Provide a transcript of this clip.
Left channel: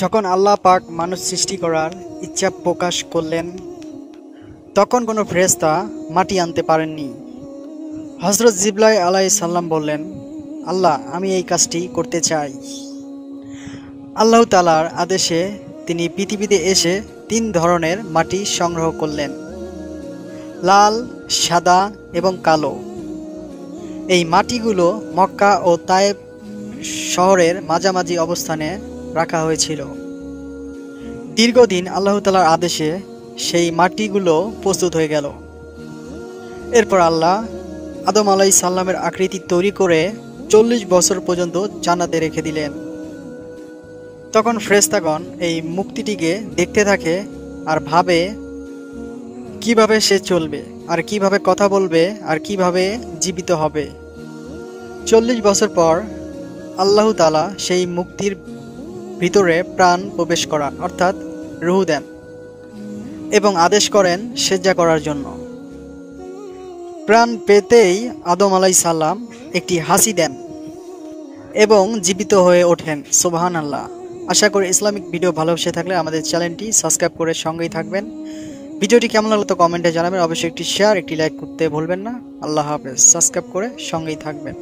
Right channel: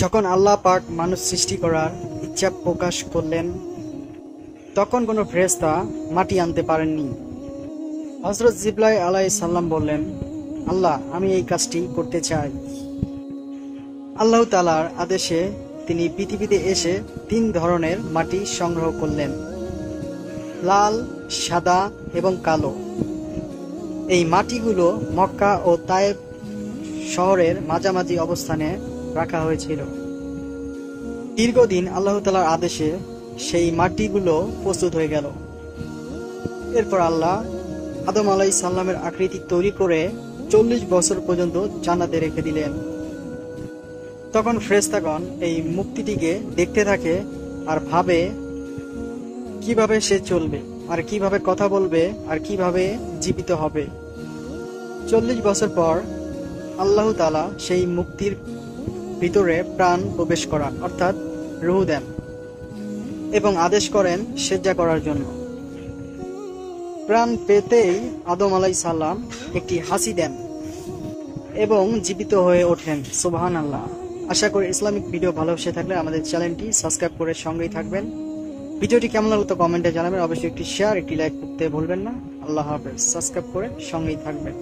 যখন আল্লাহ পাক মানুষ সৃষ্টি করার ইচ্ছা প্রকাশ করলেন, তখন কোনো ফেরেশতা মাটি আনতে পারেননি। হযরত জিবরাইল আলাইহিস সালাম বললেন, আল্লাহ, আমি এই কাজটি করতে চাই। আল্লাহ তাআলার আদেশে তিনি পৃথিবীতে এসে 3 ধরনের মাটি সংগ্রহ করলেন: লাল, সাদা এবং কালো। এই মাটিগুলো মক্কা ও তায়েব শহরের মাঝামাঝি অবস্থানে রাখা হয়েছিল। দীর্ঘদিন আল্লাহ তাআলার আদেশে সেই মাটিগুলো প্রস্তুত হয়ে গেল। এরপর আল্লাহ আদম আলাইহিস সালামের আকৃতি তৈরি করে 40 বছর পর্যন্ত জান্নাতে রেখে দিলেন। তখন ফেরেশতাগণ এই মূর্তিটিকে দেখতে থাকে আর ভাবে কিভাবে সে চলবে, আর কিভাবে কথা বলবে, আর কিভাবে জীবিত হবে। 40 বছর পর আল্লাহ তাআলা সেই মূর্তির ভিতরে প্রাণ প্রবেশ করান, অর্থাৎ রূহ দেন এবং আদেশ করেন সেজদা করার জন্য। প্রাণ পেতেই আদম আলাইহিস সালাম একটি হাসি দেন এবং জীবিত হয়ে ওঠেন। সুবহানাল্লাহ। আশা করি ইসলামিক ভিডিও ভালোবেসে থাকলে আমাদের চ্যানেলটি সাবস্ক্রাইব করে সঙ্গেই থাকবেন। ভিডিওটি কেমন লাগলো তো কমেন্টে জানাবেন। অবশ্যই একটি শেয়ার, একটি লাইক করতে ভুলবেন না। আল্লাহ হাফেজ। সাবস্ক্রাইব করে সঙ্গেই থাকবেন।